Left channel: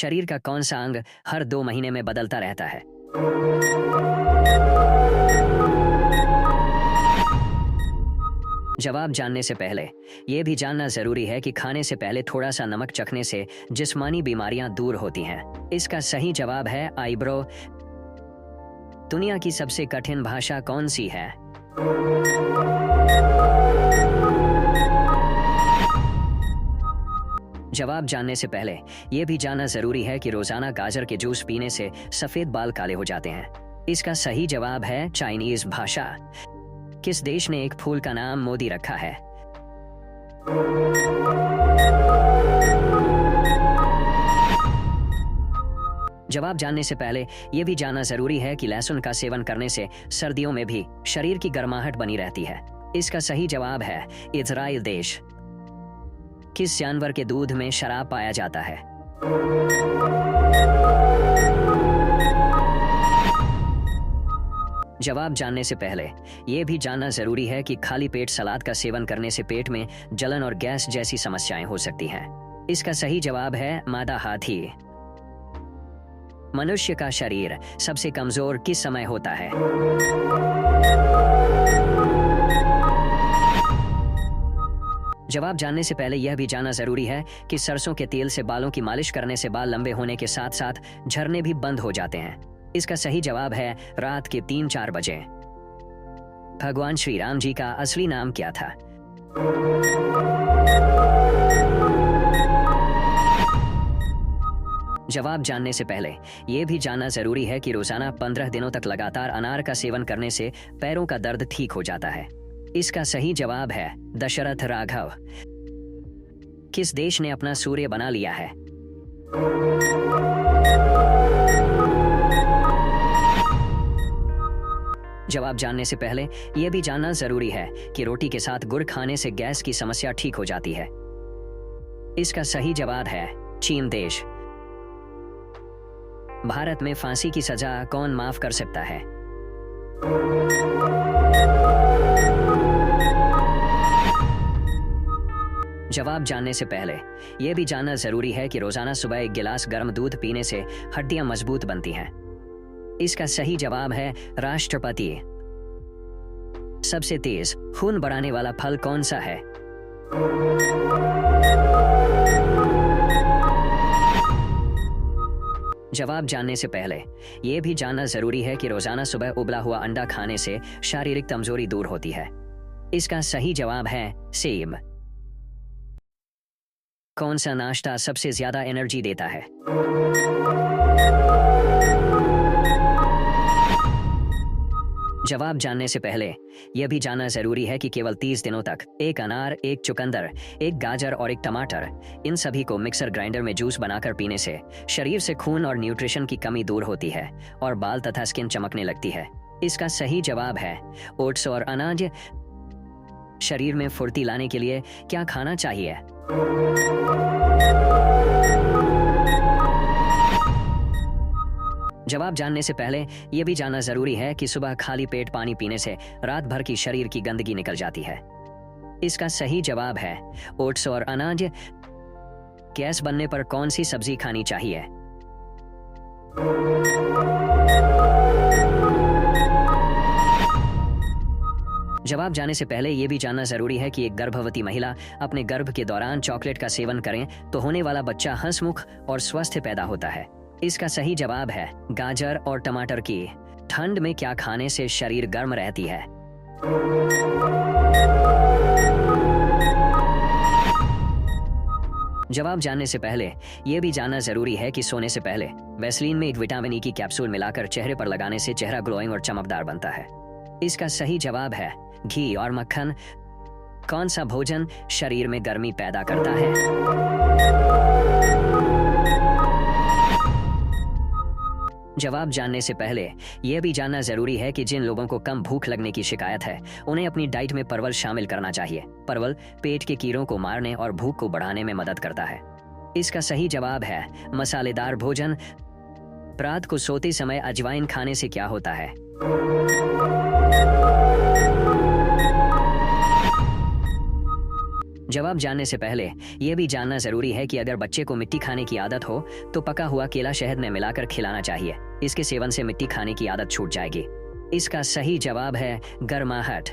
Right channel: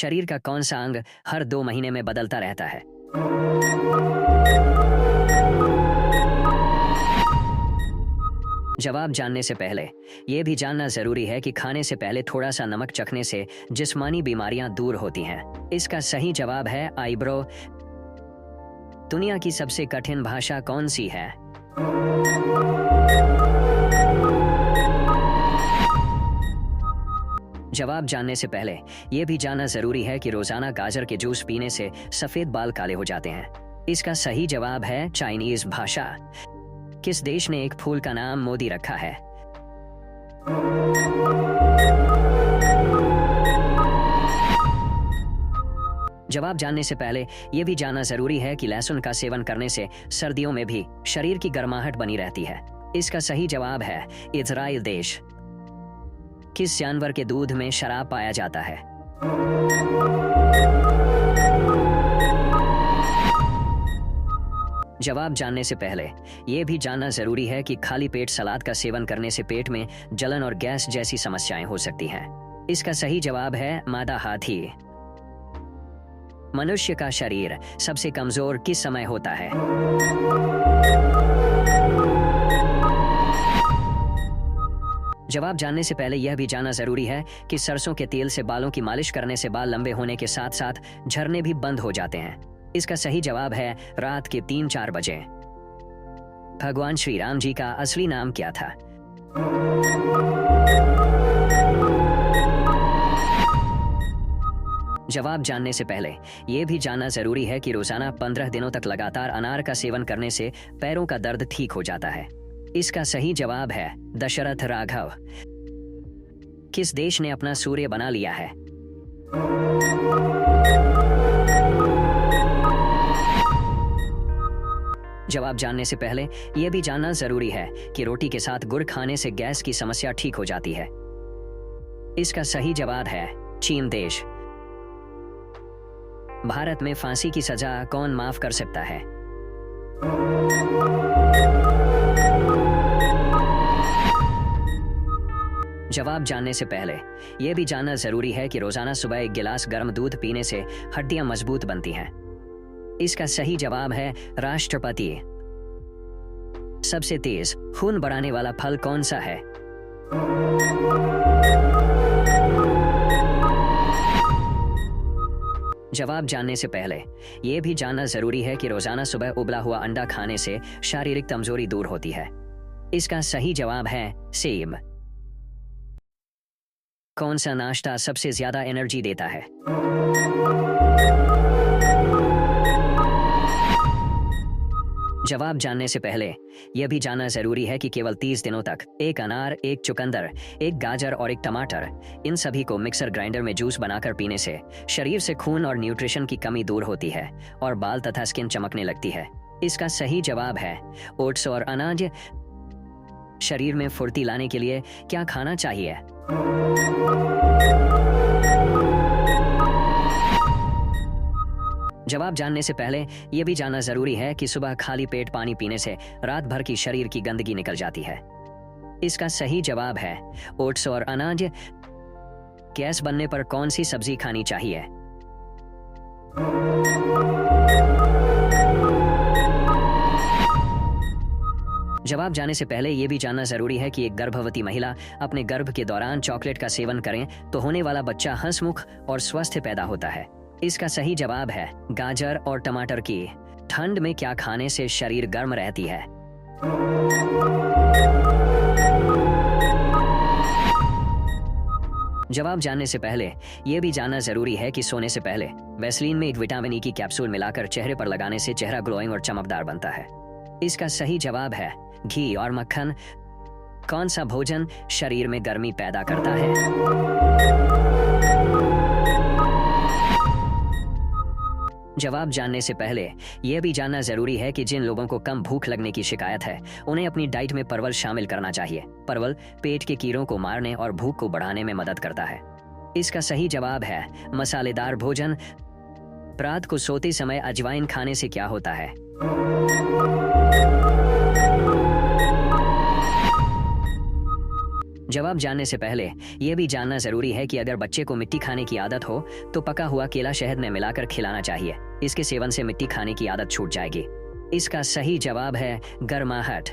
शरीर का कौन सा अंग हर 2 महीने में बदलता रहता है? जवाब जानने से पहले यह भी जानना जरूरी है कि खाने से पहले थोड़ा सा नमक चखने से जिस्मानी बीमारियां दूर होती हैं। इसका सही जवाब है आईब्रो। दुनिया की सबसे कठिन भाषा कौन सी है? जवाब जानने से पहले यह भी जानना जरूरी है कि रोजाना गाजर के जूस पीने से सफेद बाल काले हो जाते हैं। इसका सही जवाब है चाइनीज भाषा। किस देश ने एक फूल का नाम मोदी रखा है? जवाब जानने से पहले यह भी जानना जरूरी है कि लहसुन का सेवन करने से सर्दियों में भी शरीर की गर्माहट बनी रहती है। इसका सही जवाब है इजराइल देश। किस जानवर के दूध में शराब पाया जाता है? जवाब जानने से पहले यह भी जानना जरूरी है कि खाली पेट सलाद का सेवन करने से पेट में जलन और गैस जैसी समस्याएं हो सकती हैं। इसका सही जवाब है मादा हाथी। मनुष्य का शरीर सबसे कमजोर किस समय होता है? जवाब जानने से पहले यह भी जानना जरूरी है कि सरसों के तेल से बालों की मालिश करने से बाल लंबे होने के साथ साथ झड़ने भी बंद हो जाते हैं। इसका सही जवाब है रात के 3-4 बजे। भगवान श्री राम जी का असली नाम क्या था? जवाब जानने से पहले यह भी जानना जरूरी है कि रोजाना 15 दिनों तक लगातार अनार का सेवन करने से पैरों का दर्द ठीक हो जाता है। इसका सही जवाब है दशरथ राघव। किस देश ने अपना सूर्य बना लिया है? जवाब जानने से पहले यह भी जानना जरूरी है कि रोटी के साथ गुड़ खाने से गैस की समस्या ठीक हो जाती है। इसका सही जवाब है चीन देश। भारत में फांसी की सजा कौन माफ कर सकता है? जवाब जानने से पहले यह भी जानना जरूरी है कि रोजाना सुबह 1 गिलास गर्म दूध पीने से हड्डियां मजबूत बनती हैं। इसका सही जवाब है राष्ट्रपति। सबसे तेज खून बढ़ाने वाला फल कौन सा है? जवाब जानने से पहले यह भी जानना जरूरी है कि रोजाना सुबह उबला हुआ अंडा खाने से शारीरिक कमजोरी दूर होती है। इसका सही जवाब है सेब। कौन सा नाश्ता सबसे ज्यादा एनर्जी देता है? जवाब जानने से पहले यह भी जानना जरूरी है कि केवल 30 दिनों तक 1 अनार, 1 चुकंदर, 1 गाजर और 1 टमाटर, इन सभी को मिक्सर ग्राइंडर में जूस बनाकर पीने से शरीर से खून और न्यूट्रिशन की कमी दूर होती है और बाल तथा स्किन चमकने लगती है। इसका सही जवाब है ओट्स और अनाज। शरीर में फुर्ती लाने के लिए क्या खाना चाहिए? जवाब जानने से पहले यह भी जानना जरूरी है कि सुबह खाली पेट पानी पीने से रात भर की शरीर की गंदगी निकल जाती है। इसका सही जवाब है ओट्स और अनाज। गैस बनने पर कौन सी सब्जी खानी चाहिए? जवाब जानने से पहले यह भी जानना जरूरी है कि एक गर्भवती महिला अपने गर्भ के दौरान चॉकलेट का सेवन करें तो होने वाला बच्चा हंसमुख और स्वस्थ पैदा होता है। इसका सही जवाब है गाजर और टमाटर की। ठंड में क्या खाने से शरीर गर्म रहती है? जवाब जानने से पहले यह भी जानना जरूरी है कि सोने से पहले वैसलीन में एक विटामिन ई की कैप्सूल मिलाकर चेहरे पर लगाने से चेहरा ग्लोइंग और चमकदार बनता है। इसका सही जवाब है घी और मक्खन। कौन सा भोजन शरीर में गर्मी पैदा करता है? जवाब जानने से पहले यह भी जानना जरूरी है कि जिन लोगों को कम भूख लगने की शिकायत है उन्हें अपनी डाइट में परवल शामिल करना चाहिए। परवल पेट के कीड़ों को मारने और भूख को बढ़ाने में मदद करता है। इसका सही जवाब है मसालेदार भोजन। रात को सोते समय अजवाइन खाने से क्या होता है? जवाब जानने से पहले यह भी जानना जरूरी है कि अगर बच्चे को मिट्टी खाने की आदत हो तो पका हुआ केला शहद में मिलाकर खिलाना चाहिए। इसके सेवन से मिट्टी खाने की आदत छूट जाएगी। इसका सही जवाब है गर्माहट।